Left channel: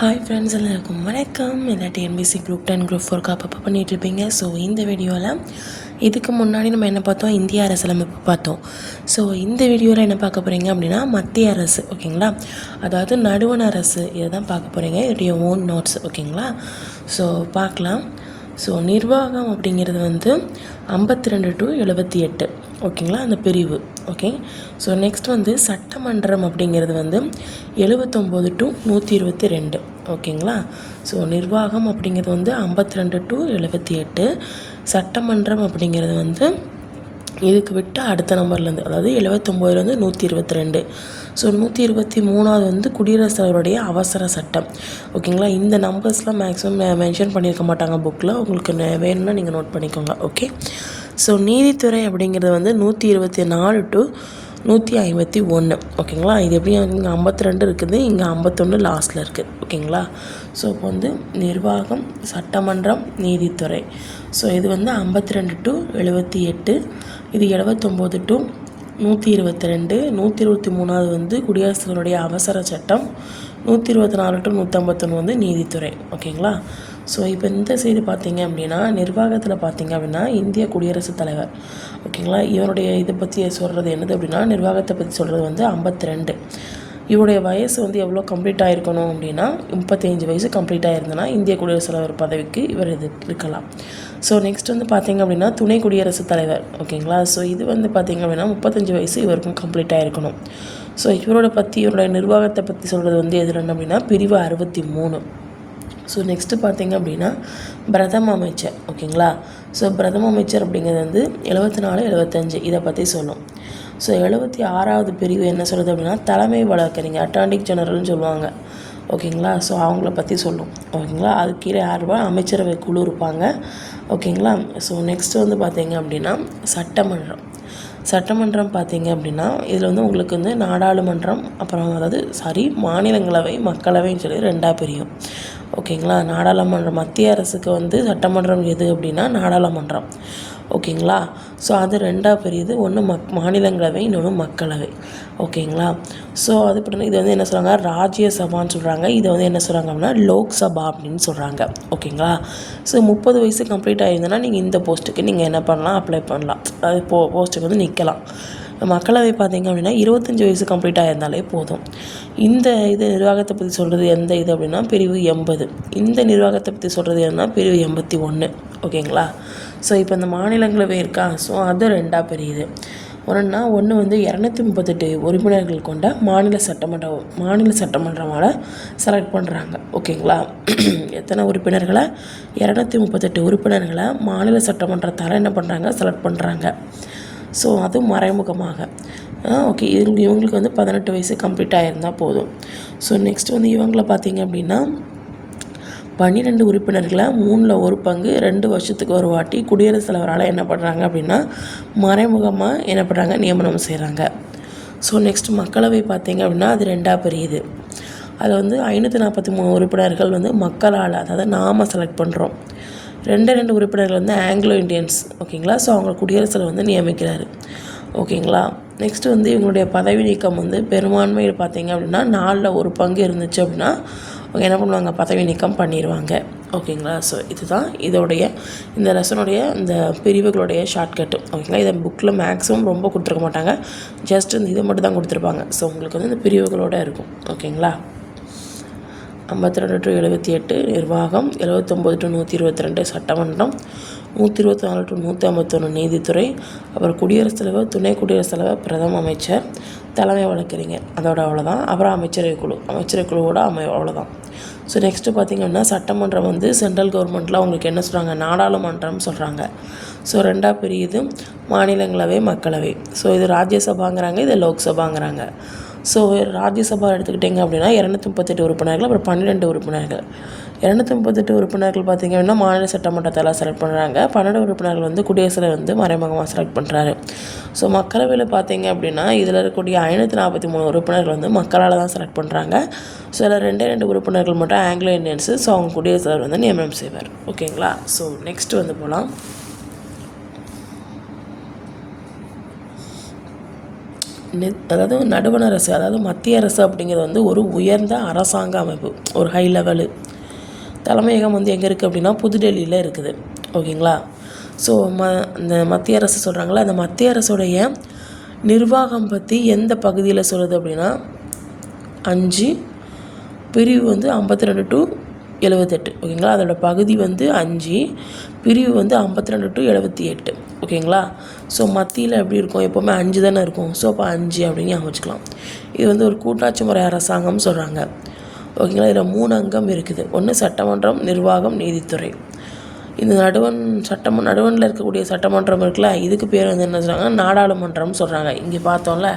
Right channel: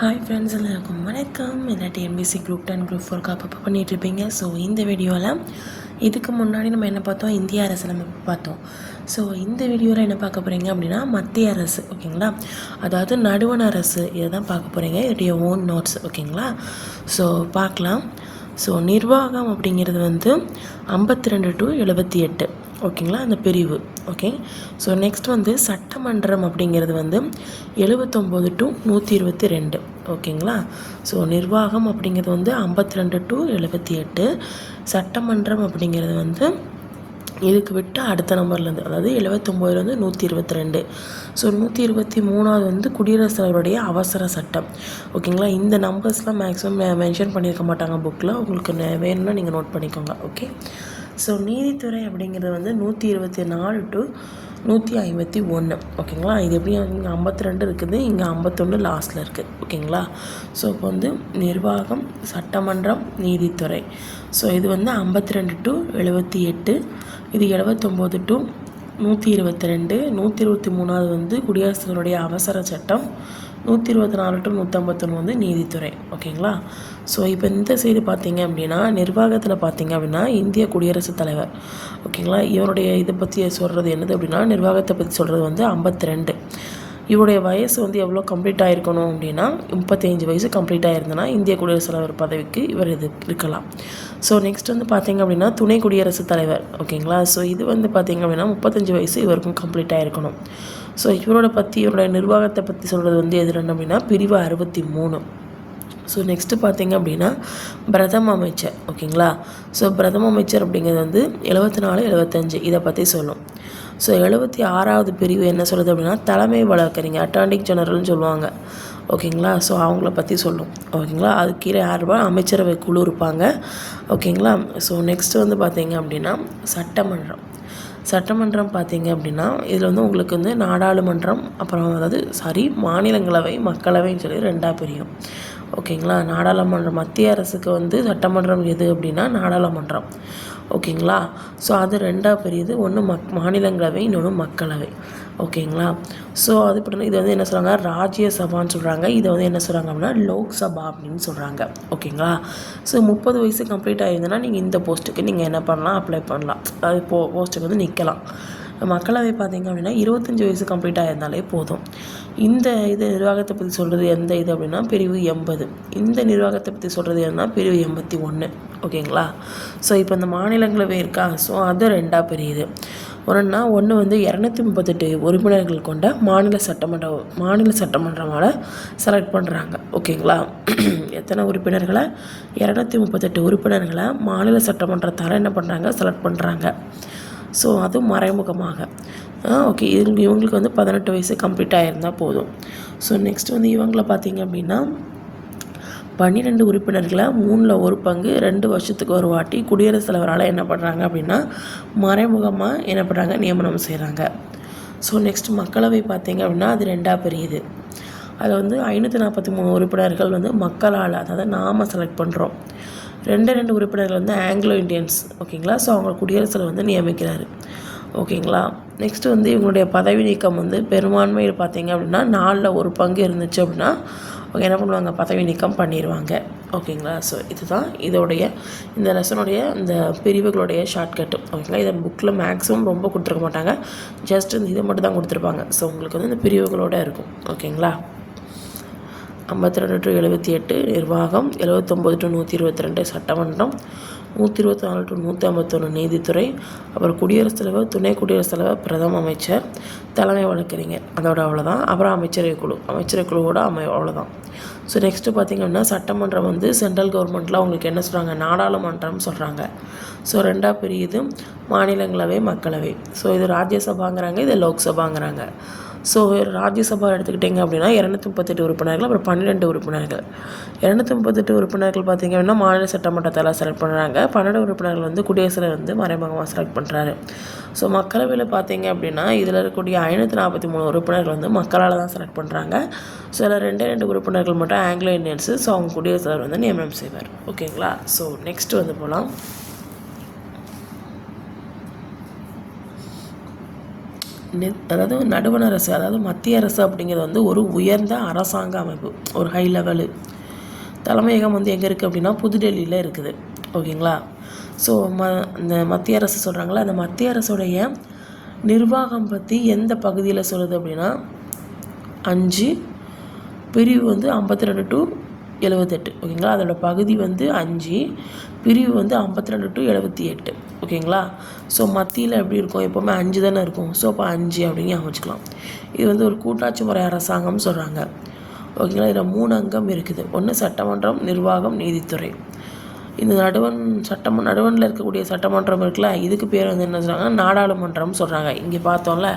Hi friends எல்லாருக்கும் வணக்கம். இந்த டிஎன்பிசி குரூப் டென் குரூப் ஃபோர்க்கு அப்பப்போ பண்ணிகிட்டு இருப்பீங்க. ஸோ இந்த வீடியோவில் இதுக்கு முன்னாடி நம்ம என்ன பார்த்தோம்? இந்திய அரசியலமைப்பு பார்த்தோம். ஸோ இந்த வீடியோவில் என்ன பார்க்க போகிறீங்க அப்படின்னா மத்திய அரசு ஓகேங்களா? அதாவது நடுவண் அரசு. இதை தான் பார்க்க போகிறீங்க இதோடைய ஓன் நோட்ஸ் ஓகேங்களா? ஸோ பார்க்கலாம். ஸோ நிர்வாகம் அப்படிங்கிறது வந்து ஐம்பத்தி ரெண்டு டு எழுபத்தி எட்டு ஓகேங்களா? அந்த பிரிவு. ஓகே ஸோ நெக்ஸ்ட் வந்து சட்டமன்றம் அப்படிங்கிறது வந்து எழுபத்தொம்போது டு நூற்றி இருபத்தி ரெண்டு ஓகேங்களா ஸோ நிர்வாகம் அப்படிங்கிறது வந்து ஐம்பத்தி ரெண்டு டு எழுபத்தி எட்டு சட்டமன்றம் அப்படிங்கிறது வந்து இதுக்கு விட்டு அடுத்த நம்பர்லேருந்து அதாவது எழுபத்தொம்போதுலேருந்து நூற்றி இருபத்தி ரெண்டு ஸோ நூற்றி இருபத்தி மூணாவது வந்து குடியரசுத் தலைவருடைய அவசர சட்டம். ஓகேங்களா இந்த நம்பர்ஸ்லாம் மேக்ஸிமம் மென்ஷன் பண்ணியிருக்க மாட்டாங்க புக்கில் உங்களுக்கு வேணும்னா நீங்கள் நோட் பண்ணிக்கோங்க. ஓகே ஸோ நீதித்துறை அப்படிங்கிறது வந்து நூற்றி இருபத்தி நாலு டு நூற்றி ஐம்பத்தி ஒன்று ஓகேங்களா இது எப்படி இங்கே ஐம்பத்தி ரெண்டு இருக்குது? இங்கே ஐம்பத்தொன்று லாஸ்ட்டில் இருக்குது ஓகேங்களா ஸோ இப்போ வந்து நிர்வாகம் சட்டமன்றம் நீதித்துறை. ஸோ இது வந்து ஐம்பத்தி ரெண்டு டு எழுபத்தி எட்டு. இது எழுபத்தொம்போது டு நூற்றி இருபத்தி ரெண்டு. நூற்றி இருபத்தி மூணாவது வந்து குடியரசுகளுடைய அவசர சட்டம். நூற்றி இருபத்தி நாலு டு நூற்றம்பத்தொன்று வந்து நீதித்துறை. ஓகேங்களா ஸோ இப்போ இந்த சைடு பார்த்தீங்க அப்படின்னா நிர்வாகத்தில் பார்த்தீங்க அப்படின்னா இந்திய குடியரசுத் தலைவர். ஓகேங்களா இவருடைய இதை பற்றி சொல்கிறது என்னது அப்படின்னா நிர்வாகத்தை பற்றி சொல்கிறது வந்து ஐம்பத்தி ரெண்டு இவருடைய வயசு வந்து எவ்வளோ கம்ப்ளீட் ஆகிருக்கணும் அப்படின்னா முப்பத்தஞ்சு வயசு கம்ப்ளீட் ஆகிருந்தனா இந்திய குடியரசுத் தலைவர் பதவிக்கு இவர் இது இருக்கலாம். ஸோ நெக்ஸ்ட் வந்து பார்த்தீங்க அப்படின்னா துணை குடியரசுத் தலைவர். ஓகேங்களா ஸோ இது வந்து பார்த்தீங்க அப்படின்னா முப்பத்தஞ்சு வயசு இவருக்கும் கம்ப்ளீட் ஆகிருக்கணும் ஸோ இவரோட பற்றி இவருடைய நிர்வாகத்தை பற்றி சொல்கிறது வந்து எது என்ன அப்படின்னா பிரிவு அறுபத்தி மூணு. ஸோ நெக்ஸ்ட்டு பார்த்தீங்க அப்படின்னா பிரதம அமைச்சர் ஓகேங்களா? ஸோ பிரதம அமைச்சர் அப்படிங்கிறது வந்து எழுபத்தி நாலு எழுபத்தஞ்சு இதை பற்றி சொல்லும் ஸோ எழுபத்தி ஆறாவது பிரிவு என்ன சொல்லுது அப்படின்னா தலைமை வழக்கறிஞர் அட்டாண்டிக் ஜெனரல்னு சொல்லுவாங்க. ஓகேங்களா? ஸோ அவங்கள பற்றி சொல்லும். ஓகேங்களா? அது கீழே யார் அமைச்சரவை குழு இருப்பாங்க. ஓகேங்களா? ஸோ நெக்ஸ்ட் வந்து பார்த்தீங்க அப்படின்னா சட்டமன்றம். சட்டமன்றம் பார்த்தீங்க அப்படின்னா இதில் வந்து உங்களுக்கு வந்து நாடாளுமன்றம் அப்புறம் அதாவது சாரி மாநிலங்களவை மக்களவைன்னு சொல்லி ரெண்டாக பிரியும். ஓகேங்களா? நாடாளுமன்றம் மத்திய அரசுக்கு வந்து சட்டமன்றம் எது அப்படின்னா நாடாளுமன்றம். ஓகேங்களா? ஸோ அது ரெண்டாக பெரியது. ஒன்று மக் மாநிலங்களவை இன்னொன்று மக்களவை. ஓகேங்களா? ஸோ அது இப்படி இது வந்து என்ன சொல்கிறாங்க ராஜ்யசபான்னு சொல்கிறாங்க இது வந்து என்ன சொல்கிறாங்க அப்படின்னா லோக்சபா அப்படின்னு சொல்கிறாங்க ஓகேங்களா? ஸோ முப்பது வயசு கம்ப்ளீட் ஆயிருந்தனா நீங்கள் இந்த போஸ்ட்டுக்கு நீங்கள் என்ன பண்ணலாம்? அப்ளை பண்ணலாம். அது போ போஸ்ட்டுக்கு வந்து நிற்கலாம் மக்களவை பார்த்திங்க அப்படின்னா இருபத்தஞ்சி வயசு கம்ப்ளீட் ஆயிருந்தாலே போதும். இந்த இது நிர்வாகத்தை பற்றி சொல்கிறது எந்த இது அப்படின்னா பிரிவு எண்பது. இந்த நிர்வாகத்தை பற்றி சொல்கிறது என்னன்னா பிரிவு எண்பத்தி ஒன்று ஓகேங்களா? ஸோ இப்போ இந்த மாநிலங்களவை இருக்கா? ஸோ அது ரெண்டாக பிரியுது. ஒன்றுனா ஒன்று வந்து இரநூத்தி முப்பத்தெட்டு உறுப்பினர்கள் கொண்ட மாநில சட்டமன்ற மாநில சட்டமன்றமால் செலக்ட் பண்ணுறாங்க ஓகேங்களா? எத்தனை உறுப்பினர்களை? இரநூத்தி முப்பத்தெட்டு உறுப்பினர்களை? மாநில சட்டமன்றத்தால் என்ன பண்ணுறாங்க செலக்ட் பண்ணுறாங்க ஸோ அதுவும் மறைமுகமாக. ஓகே இவங்க இவங்களுக்கு வந்து பதினெட்டு வயசு கம்ப்ளீட் ஆகிருந்தால் போதும். ஸோ நெக்ஸ்ட் வந்து இவங்கள பார்த்தீங்க அப்படின்னா பன்னிரெண்டு உறுப்பினர்களை மூணில் ஒரு பங்கு ரெண்டு வருஷத்துக்கு ஒரு வாட்டி குடியரசுத் தலைவரால் என்ன பண்ணுறாங்க அப்படின்னா மறைமுகமாக என்ன பண்ணுறாங்க நியமனம் செய்கிறாங்க ஸோ நெக்ஸ்ட் மக்களவை பார்த்தீங்க அப்படின்னா அது ரெண்டாக பெரியது. அதில் வந்து ஐநூற்றி நாற்பத்தி மூணு உறுப்பினர்கள் வந்து மக்களால் அதாவது நாம செலக்ட் பண்ணுறோம் ரெண்டு ரெண்டு உறுப்பினர்கள் வந்து ஆங்கிலோ இந்தியன்ஸ் ஓகேங்களா ஸோ அவங்க குடியரசில் வந்து நியமிக்கிறாரு. ஓகேங்களா நெக்ஸ்ட்டு வந்து இவங்களுடைய பதவி நீக்கம் வந்து பெரும்பான்மையில் பார்த்தீங்க அப்படின்னா நாலில் ஒரு பங்கு இருந்துச்சு அப்படின்னா அவங்க என்ன பண்ணுவாங்க? பதவி நீக்கம் பண்ணிடுவாங்க ஓகேங்களா ஸோ இதுதான் இதோடைய இந்த லெசனுடைய இந்த பிரிவுகளுடைய ஷார்ட்கட்டு ஓகேங்களா இதை புக்கில் மேக்ஸிமம் ரொம்ப கொடுத்துருக்க மாட்டாங்க. ஜஸ்ட் இந்த இது மட்டும் தான் கொடுத்துருப்பாங்க. ஸோ உங்களுக்கு வந்து இந்த பிரிவுகளோட இருக்கும். ஓகேங்களா ஐம்பத்தி ரெண்டு டு எழுபத்தி எட்டு நிர்வாகம் எழுபத்தொம்போது டு நூற்றி இருபத்தி ரெண்டு சட்டமன்றம் நூற்றி இருபத்தி நாலு டு நூற்றி ஐம்பத்தொன்று நீதித்துறை அப்புறம் குடியரசுத் தலைவர் துணை குடியரசுத் தலைவர் பிரதம அமைச்சர் தலைமை வழக்கறிஞர். அதோட அவ்வளோதான் அப்புறம் அமைச்சரவை குழு. அமைச்சரவை குழுவோட அமை அவ்வளோதான் ஸோ நெக்ஸ்ட்டு பார்த்திங்கன்னா சட்டமன்றம் வந்து சென்ட்ரல் கவர்மெண்ட்டில் அவங்களுக்கு என்ன சொல்கிறாங்க நாடாளுமன்றம் சொல்கிறாங்க ஸோ ரெண்டாக பிரியுது. மாநிலங்களவை மக்களவை. ஸோ இது ராஜ்யசபாங்கிறாங்க இது லோக்சபாங்கிறாங்க. ஸோ ராஜ்யசபா எடுத்துக்கிட்டிங்க அப்படின்னா இரநூத்தி முப்பத்தெட்டு உறுப்பினர்கள் அப்புறம் பன்னிரெண்டு உறுப்பினர்கள். இரநூத்தி முப்பத்தெட்டு உறுப்பினர்கள் பார்த்திங்க அப்படின்னா மாநில சட்டமன்றத்தில் செலக்ட் பண்ணுறாங்க பன்னெண்டு உறுப்பினர்கள் வந்து குடியரசில் வந்து மறைமுகமாக செலக்ட் பண்ணுறாரு ஸோ மக்களவையில் பார்த்தீங்க அப்படின்னா இதில் இருக்கக்கூடிய ஐநூற்றி நாற்பத்தி மூணு உறுப்பினர்கள் வந்து மக்களால் தான் செலக்ட் பண்ணுறாங்க ஸோ இதில் ரெண்டே ரெண்டு உறுப்பினர்கள் மட்டும் ஆங்கிலோ இந்தியன்ஸு. ஸோ அவங்க குடியரசு வந்து நியமனம் செய்வார். ஓகேங்களா ஸோ நெக்ஸ்ட் வந்து போகலாம் அதாவது நடுவண் அரசு அதாவது மத்திய அரசு அப்படிங்கிறது வந்து ஒரு உயர்ந்த அரசாங்க அமைப்பு ஒரு ஹை லெவலு தலைமையகம் வந்து எங்கே இருக்குது அப்படின்னா புதுடெல்லியில் இருக்குது. ஓகேங்களா? ஸோ ம இந்த மத்திய அரசு சொல்கிறாங்களா அந்த மத்திய அரசுடைய நிர்வாகம் பற்றி எந்த பகுதியில் சொல்லுது அப்படின்னா அஞ்சு பிரிவு வந்து ஐம்பத்தி ரெண்டு டு எழுபத்தெட்டு ஓகேங்களா? அதோட பகுதி வந்து அஞ்சு பிரிவு வந்து ஐம்பத்தி ரெண்டு டு எழுபத்தி எட்டு ஓகேங்களா? ஸோ மத்தியில் எப்படி இருக்கும்? எப்போவுமே அஞ்சு தானே இருக்கும். ஸோ அப்போ அஞ்சு அப்படின்னு அமைச்சிக்கலாம் வச்சுக்கலாம். இது வந்து ஒரு கூட்டாட்சி முறை அரசாங்கம்னு சொல்கிறாங்க ஓகேங்களா? இதில் மூணு அங்கம் இருக்குது. ஒன்று சட்டமன்றம் நிர்வாகம் நீதித்துறை. இந்த நடுவன் சட்டம் நடுவனில் இருக்கக்கூடிய சட்டமன்றம் இருக்குல்ல இதுக்கு பேர் வந்து என்ன சொல்கிறாங்க நாடாளுமன்றம்னு சொல்கிறாங்க இங்கே பார்த்தோம்ல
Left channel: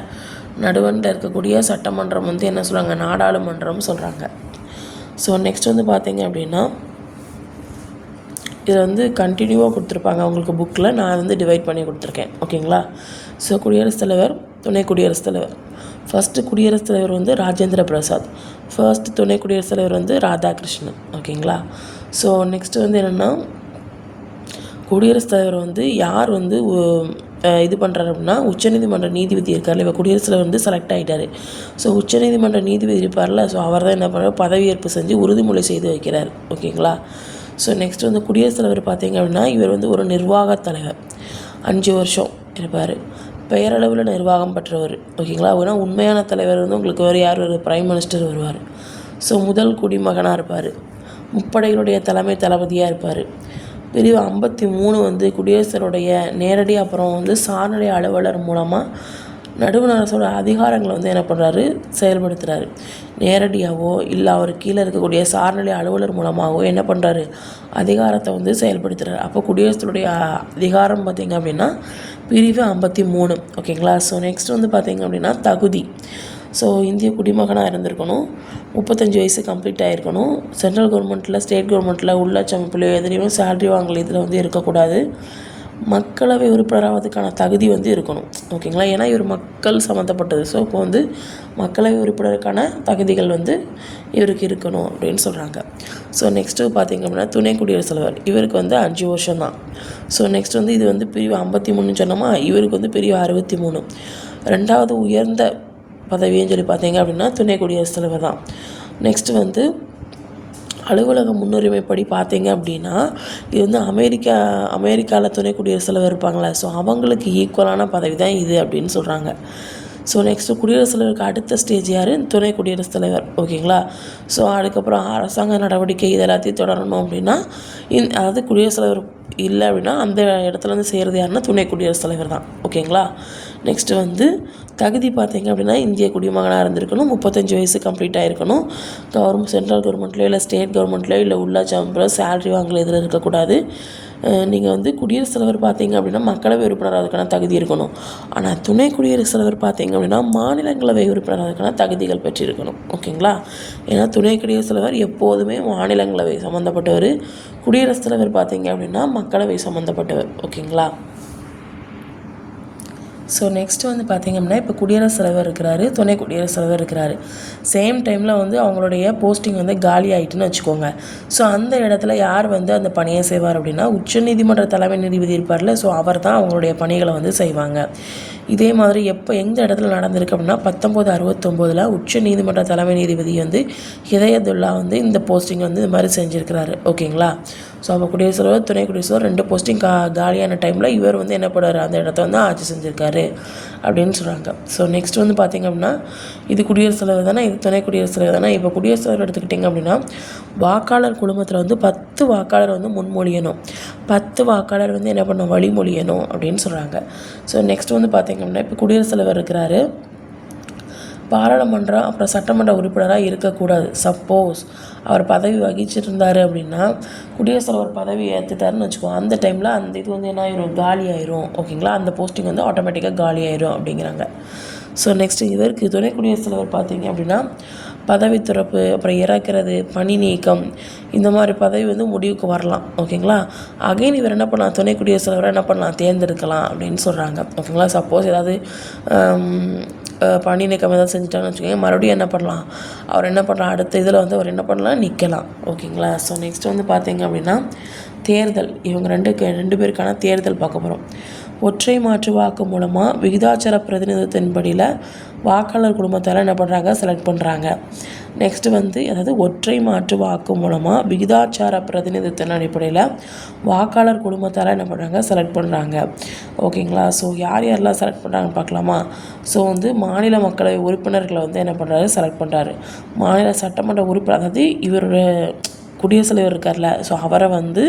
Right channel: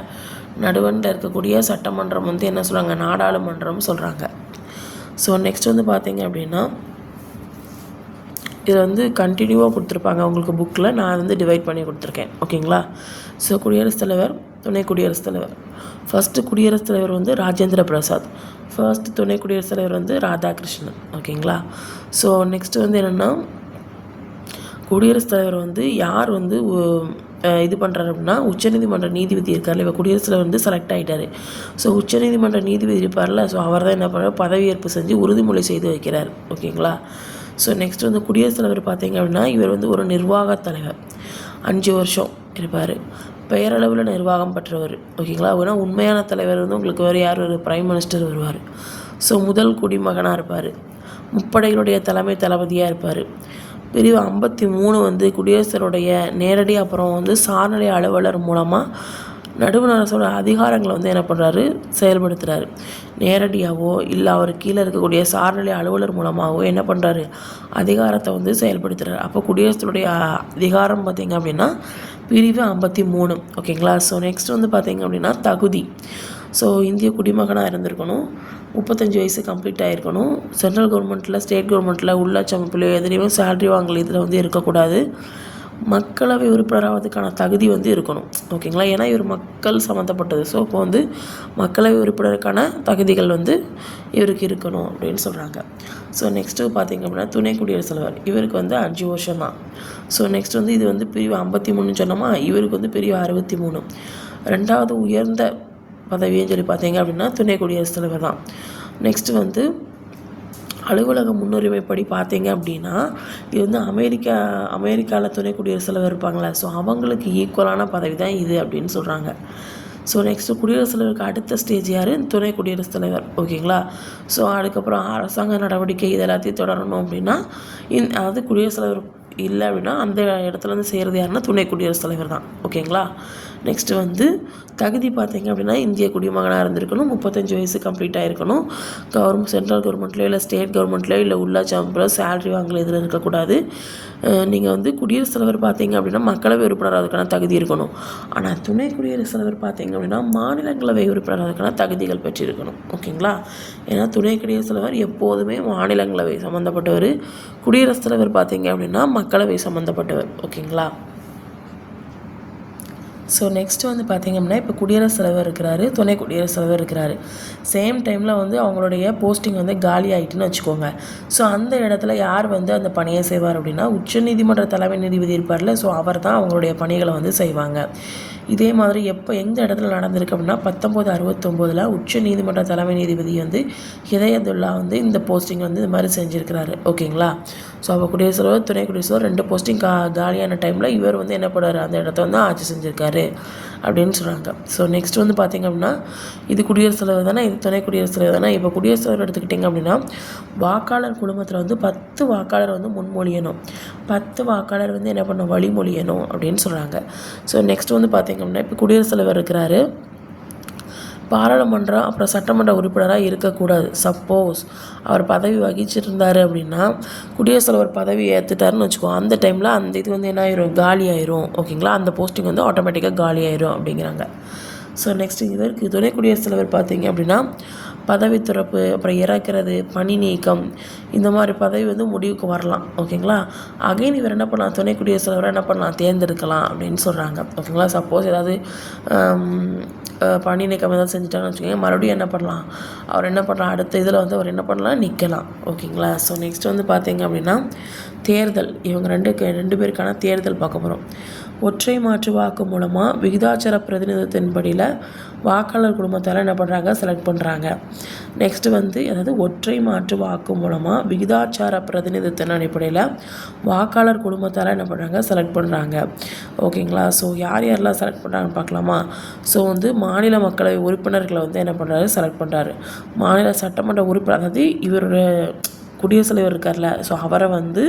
நடுவனில் இருக்கக்கூடிய சட்டமன்றம் வந்து என்ன சொல்கிறாங்க நாடாளுமன்றம்னு சொல்கிறாங்க ஸோ நெக்ஸ்ட் வந்து பார்த்தீங்க அப்படின்னா இதை வந்து கண்டினியூவாக கொடுத்துருப்பாங்க அவங்களுக்கு புக்கில் நான் வந்து டிவைட் பண்ணி கொடுத்துருக்கேன். ஓகேங்களா? ஸோ குடியரசுத் தலைவர் துணை குடியரசுத் தலைவர். ஃபஸ்ட்டு குடியரசுத் தலைவர் வந்து ராஜேந்திர பிரசாத். ஃபர்ஸ்ட் துணை குடியரசுத் தலைவர் வந்து ராதாகிருஷ்ணன். ஓகேங்களா? ஸோ நெக்ஸ்ட் வந்து என்னென்னா குடியரசுத் தலைவர் வந்து யார் வந்து இது பண்ணுறாரு அப்படின்னா உச்சநீதிமன்ற நீதிபதி இருக்கார்ல இப்போ குடியரசில் வந்து செலக்ட் ஆகிட்டாரு ஸோ உச்சநீதிமன்ற நீதிபதி இருப்பார்ல ஸோ அவர் தான் என்ன பண்ணுறாரு பதவியேற்பு செஞ்சு உறுதிமொழி செய்து வைக்கிறார். ஓகேங்களா? ஸோ நெக்ஸ்ட் வந்து குடியரசுத் தலைவர் பார்த்தீங்க அப்படின்னா இவர் வந்து ஒரு நிர்வாக தலைவர். அஞ்சு வருஷம் இருப்பார். பெயரளவில் நிர்வாகம் பெற்றவர். ஓகேங்களா? ஏன்னா உண்மையான தலைவர் வந்து உங்களுக்கு வேறு யார் ஒரு பிரைம் மினிஸ்டர் வருவார். ஸோ முதல் குடிமகனாக இருப்பார். முப்படைகளுடைய தலைமை தளபதியாக இருப்பார். பிரிவு ஐம்பத்தி மூணு வந்து குடியரசருடைய நேரடி அப்புறம் வந்து சார்நிலை அலுவலர் மூலமாக நடுவண் அரசோட அதிகாரங்களை வந்து என்ன பண்ணுறாரு செயல்படுத்துகிறாரு நேரடியாகவோ இல்லை அவர் கீழே இருக்கக்கூடிய சார்நிலை அலுவலர் மூலமாகவோ என்ன பண்ணுறாரு அதிகாரத்தை வந்து செயல்படுத்துகிறாரு அப்போ குடியரசுடைய அதிகாரம் பார்த்திங்க அப்படின்னா பிரிவு ஐம்பத்தி மூணு. ஓகேங்களா? ஸோ நெக்ஸ்ட் வந்து பார்த்திங்க அப்படின்னா தகுதி. ஸோ இந்திய குடிமகனாக இருந்திருக்கணும். முப்பத்தஞ்சு வயசு கம்ப்ளீட் ஆகிருக்கணும் சென்ட்ரல் கவர்மெண்ட்டில் ஸ்டேட் கவர்மெண்ட்டில் உள்ளாட்சி அமைப்புலையோ எதுலேயுமே சேலரி வாங்கல இதில் வந்து இருக்கக்கூடாது. மக்களவை உறுப்பினராவதுக்கான தகுதி வந்து இருக்கணும். ஓகேங்களா? ஏன்னா இவர் மக்கள் சம்மந்தப்பட்டது. ஸோ இப்போ வந்து மக்களவை உறுப்பினருக்கான தகுதிகள் வந்து இவருக்கு இருக்கணும் அப்படின்னு சொல்கிறாங்க ஸோ நெக்ஸ்ட்டு பார்த்தீங்க அப்படின்னா துணை குடியரசுத் தலைவர். இவருக்கு வந்து அஞ்சு வருஷம் தான் ஸோ நெக்ஸ்ட் வந்து இது வந்து பிரிவு ஐம்பத்தி மூணுன்னு சொன்னோமா? இவருக்கு வந்து பிரிவு அறுபத்தி மூணு. ரெண்டாவது உயர்ந்த பதவின்னு சொல்லி பார்த்தீங்க அப்படின்னா துணை குடியரசுத் தலைவர் தான். நெக்ஸ்ட்டு வந்து அலுவலக முன்னுரிமைப்படி பார்த்தீங்க அப்படின்னா இது வந்து அமெரிக்கா அமெரிக்காவில் துணை குடியரசுத் தலைவர் இருப்பாங்களே ஸோ அவங்களுக்கு ஈக்குவலான பதவி தான் இது அப்படின்னு சொல்கிறாங்க ஸோ நெக்ஸ்ட்டு குடியரசுத் தலைவருக்கு அடுத்த ஸ்டேஜ் யார்? துணை குடியரசுத் தலைவர் ஓகேங்களா? ஸோ அதுக்கப்புறம் அரசாங்க நடவடிக்கை இது எல்லாத்தையும் தொடரணும் அப்படின்னா இந் அதாவது குடியரசுத் தலைவர் இல்லை அப்படின்னா அந்த இடத்துல வந்து செய்கிறது யாருன்னா துணை குடியரசுத் தலைவர் தான் ஓகேங்களா? நெக்ஸ்ட்டு வந்து தகுதி பார்த்தீங்க அப்படின்னா இந்திய குடிமகனாக இருந்திருக்கணும். முப்பத்தஞ்சு வயசு கம்ப்ளீட் ஆகிருக்கணும் கவர்மெண்ட் சென்ட்ரல் கவர்மெண்ட்லேயோ இல்லை ஸ்டேட் கவர்மெண்ட்லேயோ இல்லை உள்ளாட்சி அமைப்பில் சேலரி வாங்கல இதில் இருக்கக்கூடாது. நீங்கள் வந்து குடியரசுத் தலைவர் பார்த்தீங்க அப்படின்னா மக்களவை உறுப்பினர் அதுக்கான தகுதி இருக்கணும். ஆனால் துணை குடியரசுத் தலைவர் பார்த்தீங்க அப்படின்னா மாநிலங்களவை உறுப்பினர் அதுக்கான தகுதிகள் பெற்றிருக்கணும். ஓகேங்களா? ஏன்னா துணை குடியரசுத் தலைவர் எப்போதுமே மாநிலங்களவை சம்மந்தப்பட்டவர் குடியரசுத் தலைவர் பார்த்தீங்க அப்படின்னா மக்களவை சம்மந்தப்பட்டவர் ஓகேங்களா? ஸோ நெக்ஸ்ட் வந்து பார்த்திங்க அப்படின்னா இப்போ குடியரசு தலைவர் இருக்கிறாரு துணை குடியரசு தலைவர் இருக்கிறாரு. சேம் டைமில் வந்து அவங்களுடைய போஸ்டிங் வந்து காலி ஆகிட்டுன்னு வச்சுக்கோங்க. ஸோ அந்த இடத்துல யார் வந்து அந்த பணியை செய்வார் அப்படின்னா உச்சநீதிமன்ற தலைமை நீதிபதி இருப்பார்ல ஸோ அவர் தான் அவங்களுடைய பணிகளை வந்து செய்வாங்க. இதே மாதிரி எப்போ எந்த இடத்துல நடந்திருக்கு அப்படின்னா பத்தொம்போது அறுபத்தொம்போதில் உச்ச நீதிமன்ற தலைமை நீதிபதி வந்து ஹிதயதுல்லா வந்து இந்த போஸ்டிங் வந்து இது மாதிரி செஞ்சுருக்கிறாரு. ஓகேங்களா ஸோ அப்போ குடியரசு துணை குடியரசு ரெண்டு போஸ்டிங் கா காலியான டைமில் இவர் வந்து என்ன பண்ணாரு அந்த இடத்த வந்து ஆட்சி செஞ்சுருக்காரு அப்படின்னு சொல்கிறாங்க ஸோ நெக்ஸ்ட் வந்து பார்த்திங்க அப்படின்னா இது குடியரசு தலைவர் தானே இது துணை குடியரசு தலைவர் தானே இப்போ குடியரசு தலைவர் எடுத்துக்கிட்டிங்க அப்படின்னா வாக்காளர் குழுமத்தில் வந்து பத்து வாக்காளர் வந்து முன்மொழியணும். பத்து வாக்காளர் வந்து என்ன பண்ணணும் வழிமொழியணும் அப்படின்னு சொல்கிறாங்க ஸோ நெக்ஸ்ட் வந்து பார்த்திங்க அப்படின்னா இப்போ குடியரசுத் தலைவர் இருக்கிறாரு. பாராளுமன்றம் அப்புறம் சட்டமன்ற உறுப்பினராக இருக்கக்கூடாது. சப்போஸ் அவர் பதவி வகிச்சிட்டு இருந்தார் அப்படின்னா குடியரசுத் தலைவர் பதவி ஏற்றுட்டாருன்னு வச்சுக்கோ அந்த டைமில் அந்த இது வந்து என்ன ஆயிரும் காலி ஆயிரும். ஓகேங்களா அந்த போஸ்டிங் வந்து ஆட்டோமேட்டிக்காக காலி ஆயிரும் அப்படிங்கிறாங்க. ஸோ நெக்ஸ்ட் இதற்கு துணை குடியரசுத் தலைவர் பார்த்தீங்க அப்படின்னா பதவி துறப்பு அப்புறம் இறக்கிறது பணி நீக்கம் இந்த மாதிரி பதவி வந்து முடிவுக்கு வரலாம். ஓகேங்களா? அகைன் இவர் என்ன பண்ணலாம்? துணை குடியரசுத் என்ன பண்ணலாம்? தேர்ந்தெடுக்கலாம் அப்படின்னு சொல்கிறாங்க ஓகேங்களா? சப்போஸ் ஏதாவது பணி நீக்கம் ஏதாவது செஞ்சுட்டாங்கன்னு வச்சுக்கோங்க மறுபடியும் என்ன பண்ணலாம்? அவர் என்ன பண்ணலாம்? அடுத்த இதில் வந்து அவர் என்ன பண்ணலாம்? நிற்கலாம் ஓகேங்களா? ஸோ நெக்ஸ்ட் வந்து பார்த்தீங்க அப்படின்னா தேர்தல். இவங்க ரெண்டு ரெண்டு பேருக்கான தேர்தல் பார்க்க போகிறோம் ஒற்றை மாற்று வாக்கு மூலமாக விகிதாச்சார பிரதிநிதித்தின்படியில் வாக்காளர் குடும்பத்தால் என்ன பண்ணுறாங்க செலக்ட் பண்ணுறாங்க நெக்ஸ்ட்டு வந்து அதாவது ஒற்றை மாற்று வாக்கு மூலமாக விகிதாச்சார பிரதிநிதித்தின் அடிப்படையில் வாக்காளர் குடும்பத்தால் என்ன பண்ணுறாங்க செலக்ட் பண்ணுறாங்க ஓகேங்களா ஸோ யார் யாரெல்லாம் செலக்ட் பண்ணுறாங்கன்னு பார்க்கலாமா? ஸோ வந்து மாநில மக்களவை உறுப்பினர்களை வந்து என்ன பண்ணுறாரு செலக்ட் பண்ணுறாரு மாநில சட்டமன்ற உறுப்பினர் அதாவது இவருடைய குடியரசுத் தலைவர் இருக்கார்ல. ஸோ அவரை வந்து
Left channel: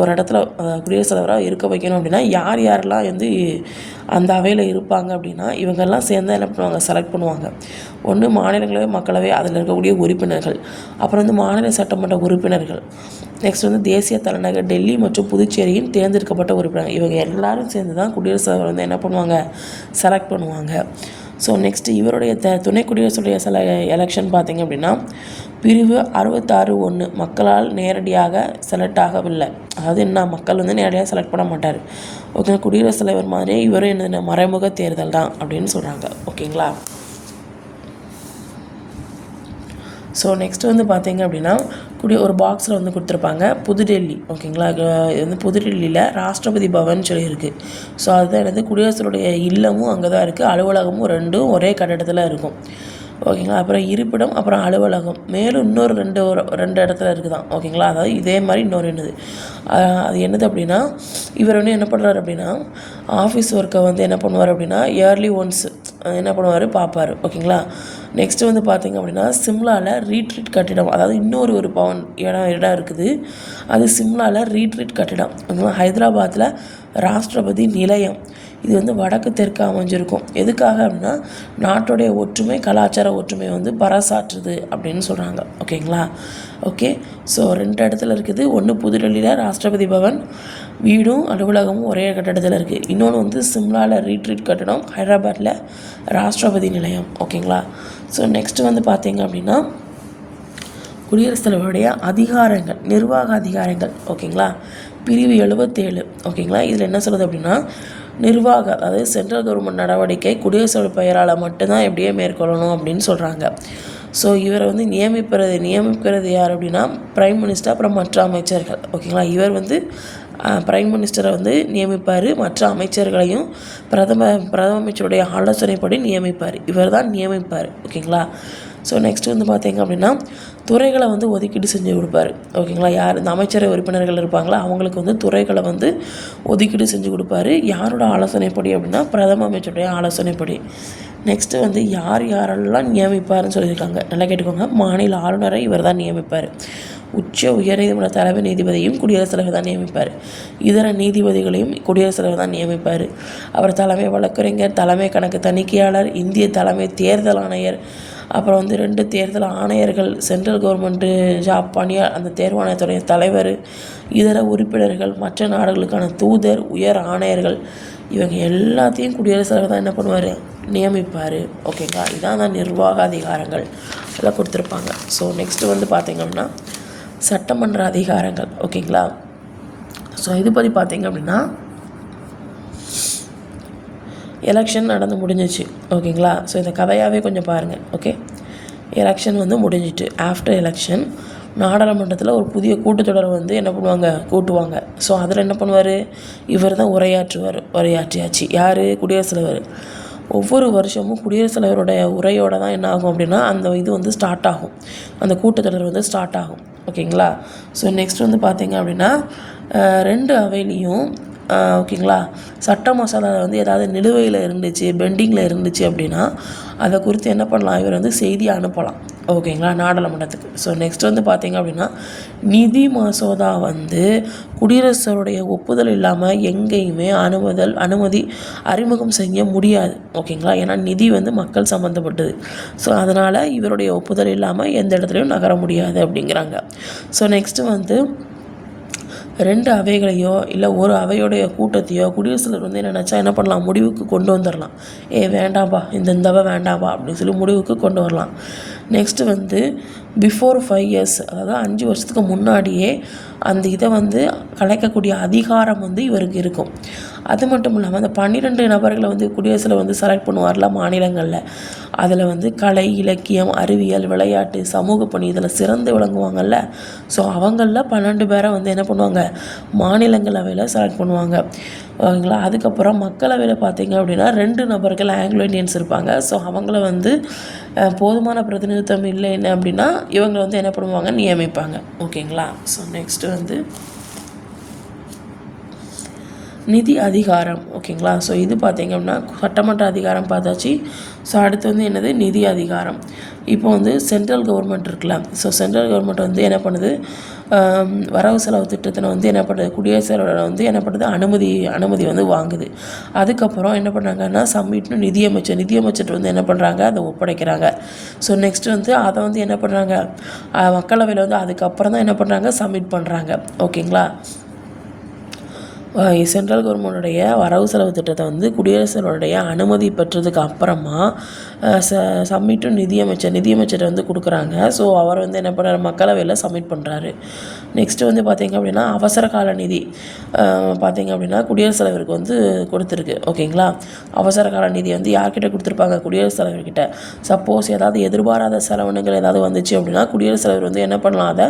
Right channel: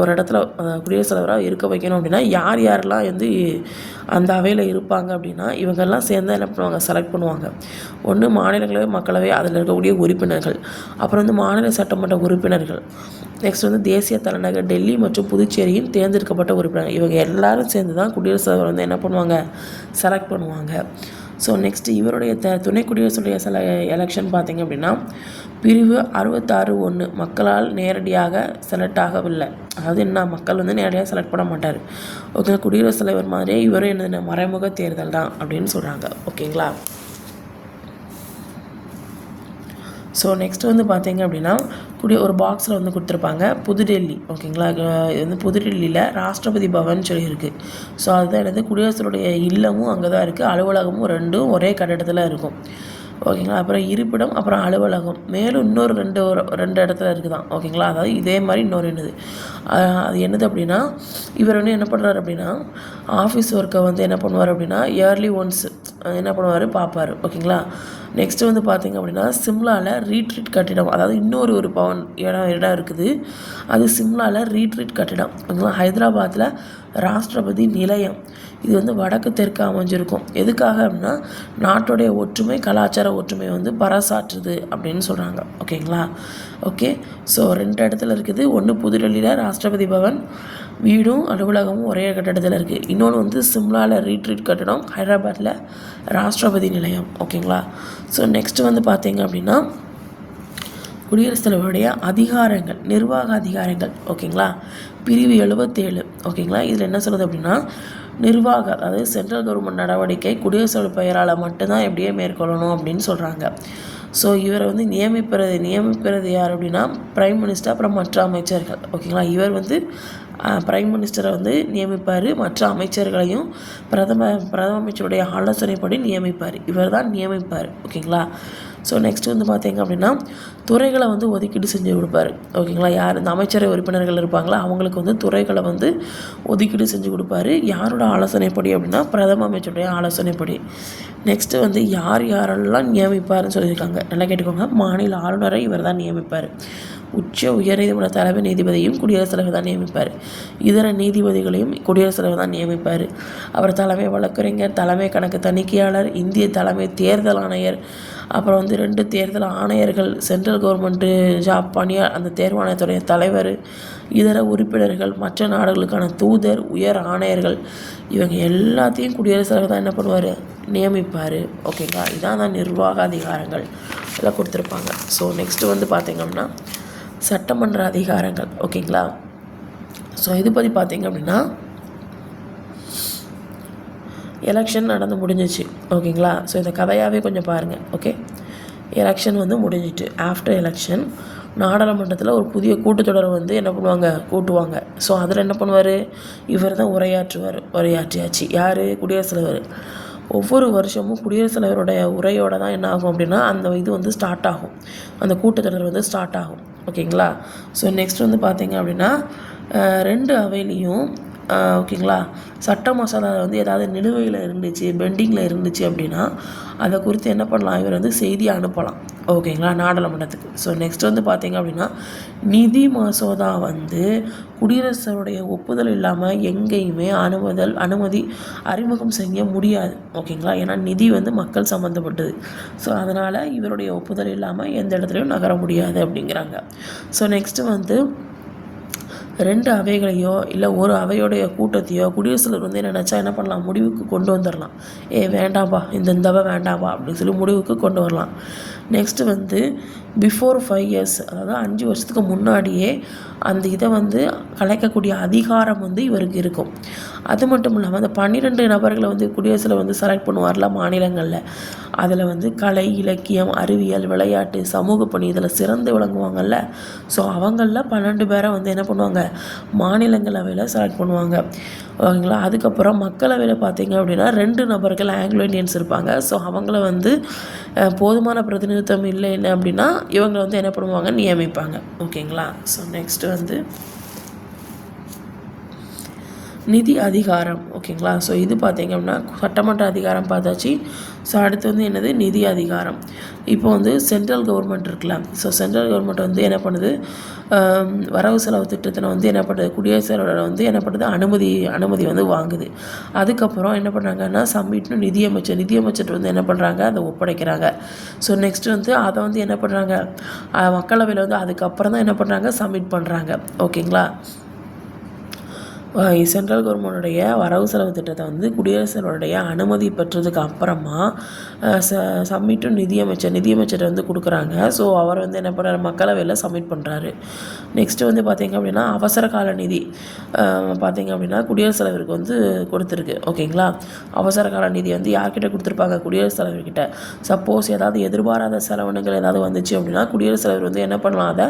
ஒரு இடத்துல குடியரசுத் தலைவராக இருக்க வைக்கணும் அப்படின்னா யார் யாரெல்லாம் வந்து அந்த அவையில் இருப்பாங்க அப்படின்னா இவங்கெல்லாம் சேர்ந்து என்ன பண்ணுவாங்க? செலக்ட் பண்ணுவாங்க. ஒன்று மாநிலங்களவை மக்களவை அதில் இருக்கக்கூடிய உறுப்பினர்கள். அப்புறம் வந்து மாநில சட்டமன்ற உறுப்பினர்கள். நெக்ஸ்ட் வந்து தேசிய தலைநகர் டெல்லி மற்றும் புதுச்சேரியின் தேர்ந்தெடுக்கப்பட்ட உறுப்பினர் இவங்க எல்லாரும் சேர்ந்து தான் குடியரசுத் தலைவர் வந்து என்ன பண்ணுவாங்க? செலக்ட் பண்ணுவாங்க. ஸோ நெக்ஸ்ட் இவருடைய த துணை குடியரசுடைய சில எலெக்ஷன் பார்த்திங்க அப்படின்னா பிரிவு அறுபத்தாறு ஒன்று மக்களால் நேரடியாக செலக்ட் ஆகவில்லை. அதாவது என்ன? மக்கள் வந்து நேரடியாக செலக்ட் பண்ண மாட்டார். ஓகே குடியரசுத் தலைவர் மாதிரியே இவரும் என்ன மறைமுக தேர்தல் தான் அப்படின்னு சொல்கிறாங்க ஓகேங்களா? ஸோ நெக்ஸ்ட் வந்து பார்த்தீங்க அப்படின்னா குடி ஒரு பாக்ஸில் வந்து கொடுத்துருப்பாங்க. புதுடெல்லி. ஓகேங்களா? இது வந்து புதுடெல்லியில் ராஷ்டிரபதி பவன் சொல்லி இருக்குது ஸோ அதுதான் என்னது? குடியரசுடைய இல்லமும் அங்கே தான் இருக்குது அலுவலகமும் ரெண்டும் ஒரே கட்டடத்தில் இருக்கும். ஓகேங்களா? அப்புறம் இருப்பிடம் அப்புறம் அலுவலகம். மேலும் இன்னொரு ரெண்டு ஒரு ரெண்டு இடத்துல இருக்குதான். ஓகேங்களா? அதாவது இதே மாதிரி இன்னொரு என்னது? அது என்னது அப்படின்னா இவர் வந்து என்ன பண்ணுறாரு அப்படின்னா ஆஃபீஸ் ஒர்க்கை வந்து என்ன பண்ணுவார் அப்படின்னா இயர்லி ஒன்ஸ் என்ன பண்ணுவார்? பார்ப்பார். ஓகேங்களா? நெக்ஸ்ட் வந்து பார்த்தீங்க அப்படின்னா சிம்லாவில் ரீட்ரீட் கட்டிடம். அதாவது இன்னொரு ஒரு பவன் இடம் இடம் இருக்குது. அது சிம்லாவில் ரீட்ரீட் கட்டிடம். ஓகேங்களா? ஹைதராபாத்தில் ராஷ்டிரபதி நிலையம். இது வந்து வடக்கு தெற்கு அமைஞ்சிருக்கும். எதுக்காக அப்படின்னா நாட்டுடைய ஒற்றுமை கலாச்சார ஒற்றுமை வந்து பறைசாற்றுது அப்படின்னு சொல்கிறாங்க ஓகேங்களா? ஓகே. ஸோ ரெண்டு இடத்துல இருக்குது. ஒன்று புதுடெல்லியில் ராஷ்டிரபதி பவன் வீடும் அலுவலகமும் ஒரே கட்டடத்தில் இருக்குது இன்னொன்று வந்து சிம்லாவில் ரீட்ரீட் கட்டடம் ஹைதராபாத்தில் ராஷ்டிரபதி நிலையம். ஓகேங்களா? ஸோ நெக்ஸ்ட் வந்து பார்த்தீங்க அப்படின்னா குடியரசுத் தலைவருடைய அதிகாரங்கள் நிர்வாக அதிகாரங்கள். ஓகேங்களா? பிரிவு எழுபத்தேழு ஓகேங்களா? இதில் என்ன சொல்லுது அப்படின்னா நிர்வாக அதாவது சென்ட்ரல் கவர்மெண்ட் நடவடிக்கை குடியரசு பெயரால் மட்டும்தான் எப்படியே மேற்கொள்ளணும் அப்படின்னு சொல்கிறாங்க ஸோ இவரை வந்து நியமிப்பது நியமிக்கிறது யார் அப்படின்னா பிரைம் மினிஸ்டர் அப்புறம் மற்ற அமைச்சர்கள். ஓகேங்களா இவர் வந்து பிரைம் மினிஸ்டரை வந்து நியமிப்பார். மற்ற அமைச்சர்களையும் பிரதம பிரதம அமைச்சருடைய ஆலோசனைப்படி நியமிப்பார். இவர் தான் நியமிப்பார் ஓகேங்களா ஸோ நெக்ஸ்ட் வந்து பார்த்தீங்க அப்படின்னா துறைகளை வந்து ஒதுக்கீடு செஞ்சு கொடுப்பாரு. ஓகேங்களா? யார் இந்த அமைச்சரவை உறுப்பினர்கள் இருப்பாங்களோ? அவங்களுக்கு வந்து துறைகளை வந்து ஒதுக்கீடு செஞ்சு கொடுப்பாரு. யாரோட ஆலோசனைப்படி அப்படின்னா பிரதம அமைச்சருடைய ஆலோசனைப்படி. நெக்ஸ்ட்டு வந்து யார் யாரெல்லாம் நியமிப்பாருன்னு சொல்லியிருக்காங்க. நல்லா கேட்டுக்கோங்க. மாநில ஆளுநரை இவர் தான் நியமிப்பார். உச்ச உயர்நீதிமன்ற தலைமை நீதிபதியும் குடியரசுத் தலைவர் தான் நியமிப்பார். இதர நீதிபதிகளையும் குடியரசுத் தலைவர் தான் நியமிப்பார். அவர் தலைமை வழக்கறிஞர் தலைமை கணக்கு தணிக்கையாளர் இந்திய தலைமை தேர்தல் ஆணையர் அப்புறம் வந்து ரெண்டு தேர்தல் ஆணையர்கள் சென்ட்ரல் கவர்மெண்ட்டு ஜாப் பணியார் அந்த தேர்வாணையத்துடைய தலைவர் இதர உறுப்பினர்கள் மற்ற நாடுகளுக்கான தூதர் உயர் ஆணையர்கள் இவங்க எல்லாத்தையும் குடியரசுத் தலைவர் தான் என்ன பண்ணுவார்? நியமிப்பார். ஓகேங்களா இதான் தான் நிர்வாக அதிகாரங்கள். எல்லாம் கொடுத்துருப்பாங்க. ஸோ நெக்ஸ்ட்டு வந்து பார்த்திங்கன்னா சட்டமன்ற அதிகாரங்கள். ஓகேங்களா ஸோ இது பற்றி பார்த்திங்க அப்படின்னா எலெக்ஷன் நடந்து முடிஞ்சிச்சு. ஓகேங்களா? ஸோ இந்த கதையாகவே கொஞ்சம் பாருங்கள் ஓகே எலெக்ஷன் வந்து முடிஞ்சிட்டு ஆஃப்டர் எலெக்ஷன் நாடாளுமன்றத்தில் ஒரு புதிய கூட்டத்தொடர் வந்து என்ன பண்ணுவாங்க? கூட்டுவாங்க. ஸோ அதில் என்ன பண்ணுவார்? இவர் தான் உரையாற்றுவார். உரையாற்றியாச்சு. யார்? குடியரசுத் தலைவர் ஒவ்வொரு வருஷமும் குடியரசுத் தலைவருடைய உரையோட தான் என்ன ஆகும் அப்படின்னா அந்த இது வந்து ஸ்டார்ட் ஆகும். அந்த கூட்டத்தொடர் வந்து ஸ்டார்ட் ஆகும். ஓகேங்களா? ஸோ நெக்ஸ்ட் வந்து பார்த்தீங்க அப்படின்னா ரெண்டு அவையிலையும் ஓகேங்களா? சட்ட மசோதா வந்து ஏதாவது நிலுவையில் இருந்துச்சு பெண்டிங்கில் இருந்துச்சு அப்படின்னா அதை குறித்து என்ன பண்ணலாம்? இவர் வந்து செய்தி அனுப்பலாம். ஓகேங்களா? நாடாளுமன்றத்துக்கு. ஸோ நெக்ஸ்ட் வந்து பார்த்தீங்க அப்படின்னா நிதி மசோதா வந்து குடியரசுடைய ஒப்புதல் இல்லாமல் எங்கேயுமே அனுமதல் அனுமதி அறிமுகம் செய்ய முடியாது. ஓகேங்களா? ஏன்னா நிதி வந்து மக்கள் சம்மந்தப்பட்டது ஸோ அதனால் இவருடைய ஒப்புதல் இல்லாமல் எந்த இடத்துலையும் நகர முடியாது அப்படிங்கிறாங்க. ஸோ நெக்ஸ்ட்டு வந்து ரெண்டு அவைகளையோ இல்லை ஒரு அவையோடைய கூட்டத்தையோ குடியரசுத் தலைவர் வந்து என்ன நினச்சா என்ன பண்ணலாம்? முடிவுக்கு கொண்டு வந்துடலாம் ஏ வேண்டாம்ப்பா இந்த இந்த அவை வேண்டாம்ப்பா அப்படின்னு சொல்லி முடிவுக்கு கொண்டு வரலாம். நெக்ஸ்ட்டு வந்து பிஃபோர் ஃபைவ் இயர்ஸ் அதாவது அஞ்சு வருஷத்துக்கு முன்னாடியே அந்த இதை வந்து கலைக்கக்கூடிய அதிகாரம் வந்து இவருக்கு இருக்கும். அது மட்டும் இல்லாமல் அந்த பன்னிரெண்டு நபர்களை வந்து குடியரசில் வந்து செலக்ட் பண்ணுவார்ல மாநிலங்களில். அதில் வந்து கலை இலக்கியம் அறிவியல் விளையாட்டு சமூக பணி இதில் சிறந்து விளங்குவாங்கல்ல. ஸோ அவங்களில் பன்னெண்டு பேரை வந்து என்ன பண்ணுவாங்க? மாநிலங்களவையில் செலக்ட் பண்ணுவாங்க. ஓகேங்களா? அதுக்கப்புறம் மக்களவையில் பார்த்தீங்க அப்படின்னா ரெண்டு நபர்கள் ஆங்கிலோ இண்டியன்ஸ் இருப்பாங்க. ஸோ அவங்கள வந்து போதுமான பிரதிநிதித்துவம் இல்லை என்ன அப்படின்னா இவங்களை வந்து என்ன பண்ணுவாங்க நியமிப்பாங்க. ஓகேங்களா? ஸோ நெக்ஸ்ட் வந்து நிதி அதிகாரம். ஓகேங்களா ஸோ இது பார்த்தீங்க அப்படின்னா சட்டமன்ற அதிகாரம் பார்த்தாச்சு ஸோ அடுத்து வந்து என்னது? நிதி அதிகாரம். இப்போ வந்து சென்ட்ரல் கவர்மெண்ட் இருக்குல்ல? ஸோ சென்ட்ரல் கவர்மெண்ட் வந்து என்ன பண்ணுது? வரவு செலவு திட்டத்தில் வந்து என்ன பண்ணுது? குடியரசு தலைவர் வந்து என்ன பண்ணுது? அனுமதி அனுமதி வந்து வாங்குது. அதுக்கப்புறம் என்ன பண்ணுறாங்கன்னா சம்மிட்னு நிதியமைச்சர் நிதியமைச்சர் வந்து என்ன பண்ணுறாங்க அதை ஒப்படைக்கிறாங்க. ஸோ நெக்ஸ்ட் வந்து அதை வந்து என்ன பண்ணுறாங்க மக்களவையில் வந்து அதுக்கப்புறம் தான் என்ன பண்ணுறாங்க சப்மிட் பண்ணுறாங்க ஓகேங்களா சென்ட்ரல் கவர்மெண்டுடைய வரவு செலவு திட்டத்தை வந்து குடியரசுடைய அனுமதி பெற்றதுக்கு அப்புறமா ச சப்மிட்டும் நிதியமைச்சர் நிதியமைச்சர் வந்து கொடுக்குறாங்க. ஸோ அவர் வந்து என்ன பண்ணுறாரு மக்களவையில் சப்மிட் பண்ணுறாரு நெக்ஸ்ட்டு வந்து பார்த்தீங்க அப்படின்னா அவசர கால நிதி பார்த்திங்க அப்படின்னா குடியரசுத் தலைவருக்கு வந்து கொடுத்துருக்கு. ஓகேங்களா அவசர கால நிதி வந்து யார்கிட்ட கொடுத்துருப்பாங்க? குடியரசுத் தலைவர்கிட்ட. சப்போஸ் ஏதாவது எதிர்பாராத செலவினங்கள் ஏதாவது வந்துச்சு அப்படின்னா குடியரசுத் தலைவர் வந்து என்ன பண்ணலாம்? அதை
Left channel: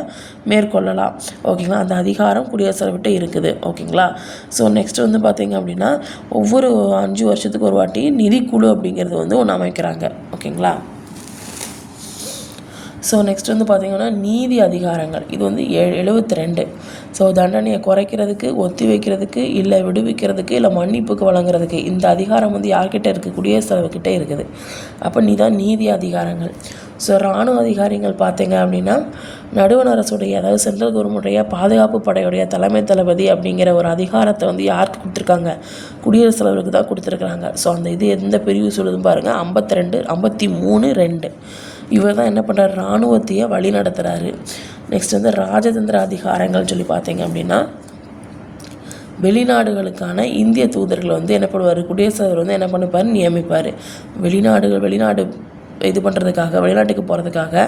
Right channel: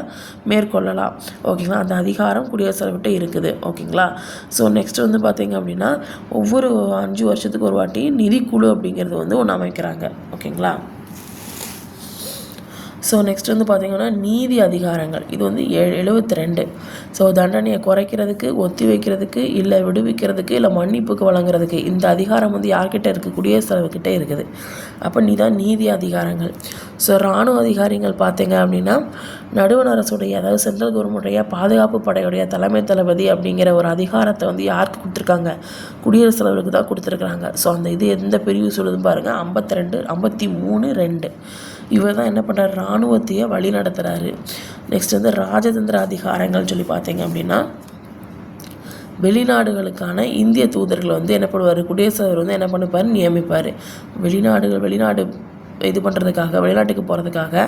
மேற்கொள்ளலாம். ஓகேங்களா அந்த அதிகாரம் குடியரசுத் தலைவர்கிட்ட இருக்குது. ஓகேங்களா ஸோ நெக்ஸ்ட் வந்து பார்த்திங்க அப்படின்னா ஒவ்வொரு அஞ்சு வருஷத்துக்கு ஒரு வாட்டி நிதிக்குழு அப்படிங்கிறது வந்து ஒன்று அமைக்கிறாங்க. ஓகேங்களா? ஸோ நெக்ஸ்ட் வந்து பார்த்தீங்கன்னா நீதி அதிகாரங்கள். இது வந்து எழுபத்தி ரெண்டு. ஸோ தண்டனையை குறைக்கிறதுக்கு ஒத்தி வைக்கிறதுக்கு இல்லை விடுவிக்கிறதுக்கு இல்லை மன்னிப்புக்கு வழங்குறதுக்கு இந்த அதிகாரம் வந்து யார்கிட்ட இருக்குது குடியரசுத் இருக்குது. அப்போ நீ தான் நீதி அதிகாரங்கள். ஸோ இராணுவ அதிகாரிகள் பார்த்தீங்க அப்படின்னா நடுவண் அரசுடைய அதாவது சென்ட்ரல் கவர்மெண்ட்டுடைய பாதுகாப்பு படையுடைய தலைமை தளபதி அப்படிங்கிற ஒரு அதிகாரத்தை வந்து யாருக்கு கொடுத்துருக்காங்க? குடியரசுத் தலைவருக்கு தான் கொடுத்துருக்குறாங்க. ஸோ அந்த இது எந்த பிரிவு சொல்லுதுன்னு பாருங்கள் ஐம்பத்தி ரெண்டு ஐம்பத்தி மூணு ரெண்டு. இவர் தான் என்ன பண்ணுறாரு இராணுவத்தையே வழி நடத்துகிறாரு நெக்ஸ்ட் வந்து ராஜதந்திர அதிகாரங்கள் சொல்லி பார்த்தீங்க அப்படின்னா வெளிநாடுகளுக்கான இந்திய தூதர்கள் வந்து என்ன பண்ணுவார் குடியரசு தலைவர் வந்து என்ன பண்ணிப்பார் நியமிப்பார். வெளிநாடுகள் வெளிநாடு இது பண்ணுறதுக்காக வெளிநாட்டுக்கு போகிறதுக்காக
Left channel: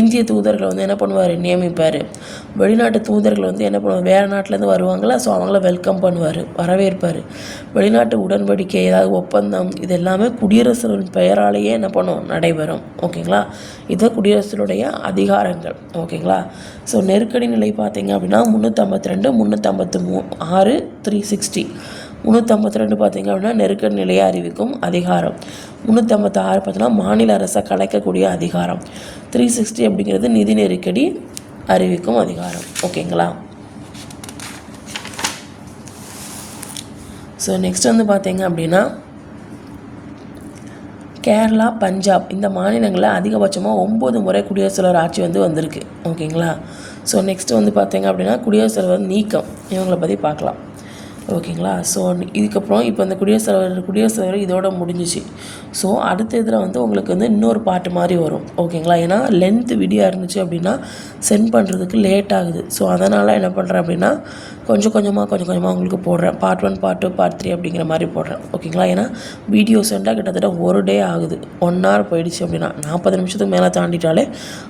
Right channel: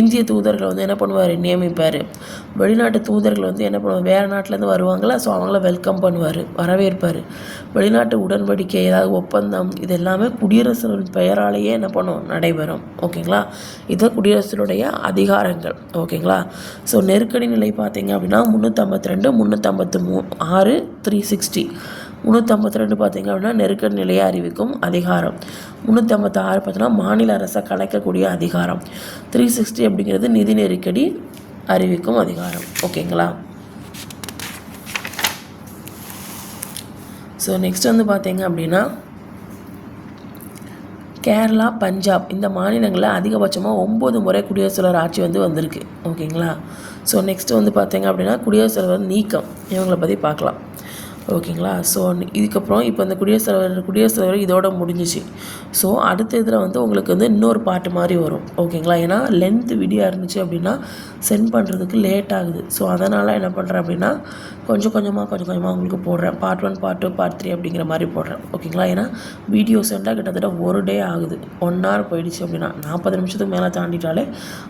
இந்திய தூதர்களை வந்து என்ன பண்ணுவார்? நியமிப்பார். வெளிநாட்டு தூதர்கள் வந்து என்ன பண்ணுவார் வேறு நாட்டிலேருந்து வருவாங்களா? ஸோ அவங்கள வெல்கம் பண்ணுவார் வரவேற்பார். வெளிநாட்டு உடன்படிக்கை ஏதாவது ஒப்பந்தம் இது எல்லாமே குடியரசின் பெயராலேயே என்ன பண்ணும்? நடைபெறும். ஓகேங்களா இதுதான் குடியரசினுடைய அதிகாரங்கள். ஓகேங்களா ஸோ நெருக்கடி நிலை பார்த்தீங்க அப்படின்னா முந்நூற்றம்பத்தி ரெண்டு முந்நூற்றம்பத்து மூ ஆறு த்ரீ சிக்ஸ்டி முந்நூற்றம்பத்தி ரெண்டு பார்த்தீங்க அப்படின்னா நெருக்கடி நிலையை அறிவிக்கும் அதிகாரம். முந்நூற்றம்பத்தாறு ஆறு பார்த்தீங்கன்னா மாநில அரசை கலைக்கக்கூடிய அதிகாரம். த்ரீ சிக்ஸ்டி அப்படிங்கிறது நிதி நெருக்கடி அறிவிக்கும் அதிகாரம். ஓகேங்களா? ஸோ நெக்ஸ்ட் வந்து பார்த்தீங்க அப்படின்னா கேரளா பஞ்சாப் இந்த மாநிலங்களில் அதிகபட்சமாக ஒம்பது முறை குடியரசுத் தலைவர் ஆட்சி வந்து வந்திருக்கு. ஓகேங்களா? ஸோ நெக்ஸ்ட் வந்து பார்த்தீங்க அப்படின்னா குடியரசுத் தலைவர் நீக்கம். இவங்களை பற்றி பார்க்கலாம். ஓகேங்களா? ஸோ இதுக்கப்புறம் இப்போ இந்த குடியரசு தலைவர் குடியரசு தலைவர் இதோட முடிஞ்சிச்சு. ஸோ அடுத்த இதில் வந்து உங்களுக்கு வந்து இன்னொரு பாட்டு மாதிரி வரும். ஓகேங்களா? ஏன்னா லென்த்து வீடியோ இருந்துச்சு அப்படின்னா சென்ட் பண்ணுறதுக்கு லேட் ஆகுது. ஸோ அதனால் என்ன பண்ணுறேன் அப்படின்னா கொஞ்சம் கொஞ்சமாக கொஞ்சம் கொஞ்சமாக உங்களுக்கு போடுறேன். Part one part two part three அப்படிங்கிற மாதிரி போடுறேன். ஓகேங்களா? ஏன்னா வீடியோ சென்டாக கிட்டத்தட்ட ஒரு டே ஆகுது. ஒன் ஹவர் போயிடுச்சு அப்படின்னா நாற்பது நிமிஷத்துக்கு மேலே தாண்டிட்டாலே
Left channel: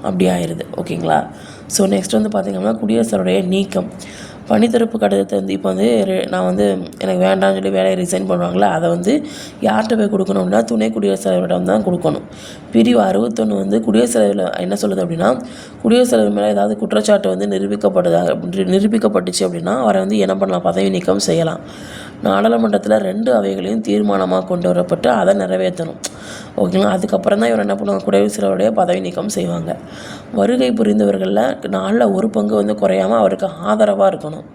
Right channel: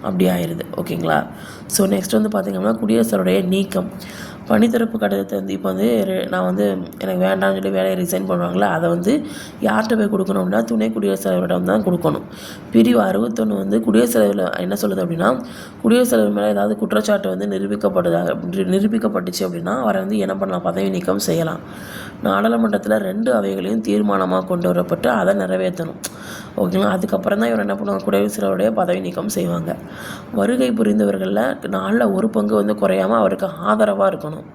அப்படி ஆயிடுது ஓகேங்களா? ஸோ நெக்ஸ்ட் வந்து பார்த்திங்கன்னா குடியரசுடைய நீக்கம். பணித்திறப்பு கடிதத்தை வந்து இப்போ வந்து நான் வந்து எனக்கு வேண்டாம்னு சொல்லி வேலையை ரிசைன் பண்ணுவாங்களே அதை வந்து யார்கிட்ட போய் கொடுக்கணும் அப்படின்னா துணை குடியரசுத் தலைவரிடம் தான் கொடுக்கணும். பிரிவு அறுபத்தொன்று வந்து குடியரசுத் தலைவரில் என்ன சொல்லுது அப்படின்னா குடியரசுத் தலைவர் மேலே ஏதாவது குற்றச்சாட்டு வந்து நிரூபிக்கப்படுதாக நிரூபிக்கப்பட்டுச்சு அப்படின்னா அவரை வந்து என்ன பண்ணலாம் பதவி நீக்கம் செய்யலாம். நாடாளுமன்றத்தில் ரெண்டு அவைகளையும் தீர்மானமாக கொண்டு வரப்பட்டு அதை நிறைவேற்றணும். ஓகேங்களா? அதுக்கப்புறம் தான் இவர் என்ன பண்ணுவாங்க? குடியரசுடைய பதவி நீக்கம் செய்வாங்க. வருகை புரிந்தவர்களில் நாளில் ஒரு பங்கு வந்து குறையாமல் அவருக்கு ஆதரவாக இருக்கணும்.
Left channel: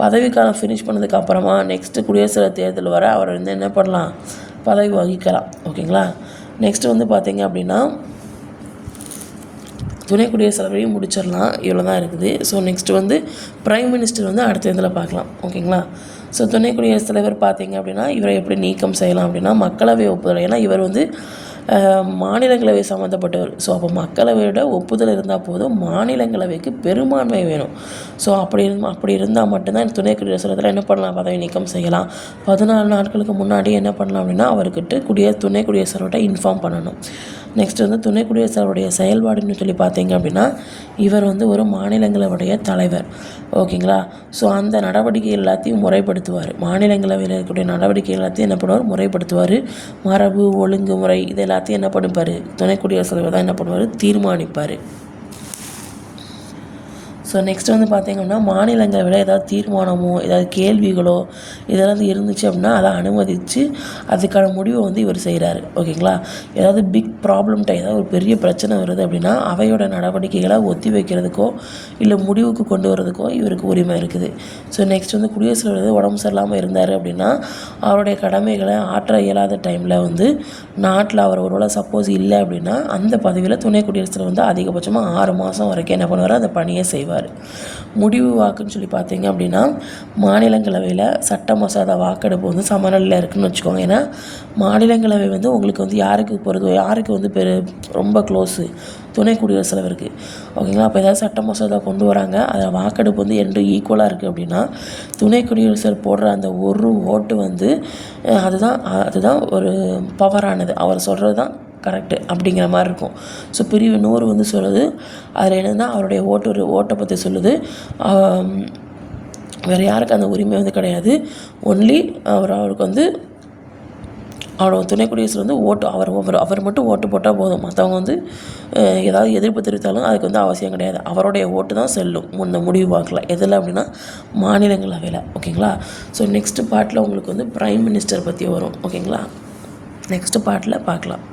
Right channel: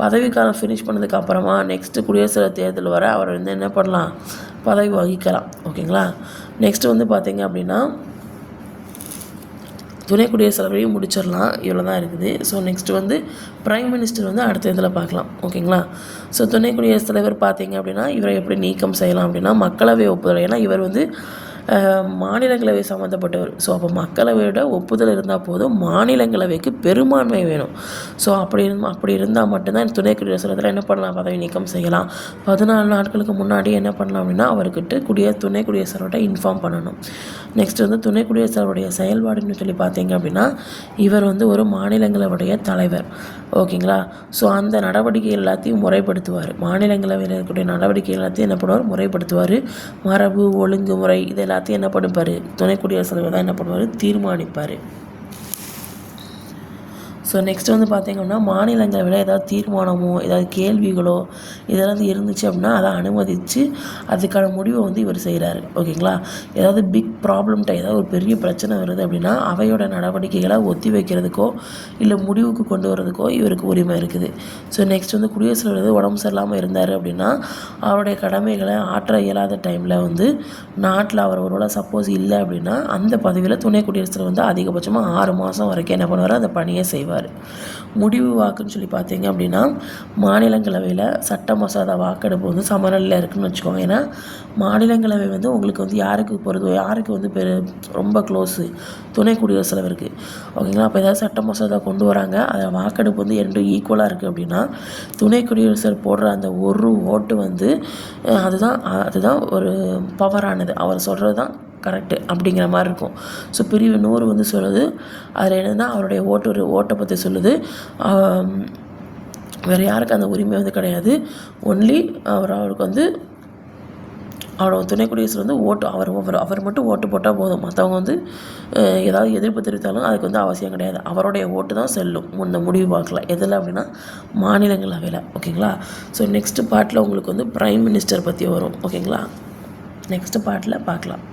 பதவிக்காலம் ஃபினிஷ் பண்ணதுக்கப்புறமா நெக்ஸ்ட்டு குடியரசுத் தேர்தல் வர அவர் வந்து என்ன பண்ணலாம்? பதவி வகிக்கலாம். ஓகேங்களா? நெக்ஸ்ட்டு வந்து பார்த்தீங்க அப்படின்னா துணை குடியரசுத் தலைவரையும் முடிச்சிடலாம். இவ்வளோ தான் இருக்குது. ஸோ நெக்ஸ்ட்டு வந்து ப்ரைம் மினிஸ்டர் வந்து அடுத்த இதில் பார்க்கலாம் ஓகேங்களா? ஸோ துணை குடியரசுத் தலைவர் பார்த்தீங்க அப்படின்னா இவரை எப்படி நீக்கம் செய்யலாம் அப்படின்னா மக்களவை ஒப்புதல். ஏன்னா இவர் வந்து மாநிலங்களவை சம்மந்தப்பட்டவர் ஸோ அப்போ மக்களவையோட ஒப்புதல் இருந்தால் போதும் மாநிலங்களவைக்கு பெரும்பான்மை வேணும். ஸோ அப்படி இருந்து அப்படி இருந்தால் மட்டும்தான் துணை குடியரசுத் தலைவர் என்ன பண்ணலாம்? பதவி நீக்கம் செய்யலாம். பதினாலு நாட்களுக்கு முன்னாடி என்ன பண்ணலாம் அப்படின்னா அவர்கிட்ட குடிய துணை குடியரசுத் இன்ஃபார்ம் பண்ணணும். நெக்ஸ்ட் வந்து துணை குடியரசுத் செயல்பாடுன்னு சொல்லி பார்த்தீங்க அப்படின்னா இவர் வந்து ஒரு மாநிலங்களுடைய தலைவர். ஓகேங்களா? ஸோ அந்த நடவடிக்கை எல்லாத்தையும் முறைப்படுத்துவார். மாநிலங்களவையில் இருக்கக்கூடிய நடவடிக்கை எல்லாத்தையும் என்ன பண்ணுவார்? முறைப்படுத்துவார். மரபு ஒழுங்குமுறை இது எல்லாத்தையும் என்ன பண்ணிப்பார்? துணை குடியரசுத் தலைவர் தான் என்ன பண்ணுவார்? தீர்மானிப்பார். ஸோ நெக்ஸ்ட் வந்து பார்த்தீங்கன்னா மாநிலங்களவையில் ஏதாவது தீர்மானமோ ஏதாவது கேள்விகளோ இதெல்லாம் இருந்துச்சு அப்படின்னா அதை அனுமதித்து அதுக்கான முடிவை வந்து இவர் செய்கிறாரு ஓகேங்களா? ஏதாவது பிக் ப்ராப்ளம் ஏதாவது ஒரு பெரிய பிரச்சனை வருது அப்படின்னா அவையோட நடவடிக்கைகளை ஒத்தி வைக்கிறதுக்கோ இல்லை முடிவுக்கு கொண்டு வரதுக்கோ இவருக்கு உரிமை இருக்குது. ஸோ நெக்ஸ்ட் வந்து குடியரசுத் வந்து உடம்பு சரியில்லாமல் இருந்தார் அப்படின்னா அவருடைய கடமைகளை ஆற்ற இயலாத டைமில் வந்து நாட்டில் அவர் ஒருவேளை சப்போஸ் இல்லை அப்படின்னா அந்த பதவியில் துணை குடியரசுத் வந்து அதிகபட்சமாக ஆறு மாதம் வரைக்கும் என்ன பண்ணுவார்? அந்த பணியை செய்வார். முடிவு வாக்குன்னு சொல்லி பார்த்தீங்க அப்படின்னா மாநிலங்களவையில் சட்ட மசோதா வாக்கெடுப்பு வந்து சமநிலையில் இருக்குதுன்னு வச்சுக்கோங்க. ஏன்னா மாநிலங்களவை வந்து உங்களுக்கு வந்து யாருக்கு போகிறதோ யாருக்கு வந்து பெரு ரொம்ப க்ளோஸு துணை குடியரசு தலைவருக்கு ஓகேங்களா? அப்போ ஏதாவது சட்ட மசோதா கொண்டு வராங்க. அதில் வாக்கெடுப்பு வந்து ரெண்டும் ஈக்குவலாக இருக்குது அப்படின்னா துணை குடியரசர் போடுற அந்த ஒரு ஓட்டு வந்து அதுதான் அதுதான் ஒரு பவரானது அவர் சொல்கிறது தான் கரெக்டு அப்படிங்கிற மாதிரி இருக்கும். ஸோ பிரிவு நூறு வந்து சொல்லுது. அதில் என்னன்னா அவருடைய ஓட்டு ஒரு ஓட்டை பற்றி சொல்லுது. வேறு யாருக்கும் அந்த உரிமை வந்து கிடையாது. ஒன்லி அவர் அவருக்கு வந்து அவரோட துணை குடியரசு வந்து ஓட்டு அவர் அவர் அவர் மட்டும் ஓட்டு போட்டால் போதும். மற்றவங்க வந்து ஏதாவது எதிர்ப்பு தெரிவித்தாலும் அதுக்கு வந்து அவசியம் கிடையாது. அவருடைய ஓட்டு தான் செல்லும். முன்ன முடிவு பார்க்கலாம் எதில் அப்படின்னா மாநிலங்களவையில் ஓகேங்களா? ஸோ நெக்ஸ்ட்டு பார்ட்டில் உங்களுக்கு வந்து ப்ரைம் மினிஸ்டர் பற்றி வரும். ஓகேங்களா? நெக்ஸ்ட்டு பார்ட்டில் பார்க்கலாம்.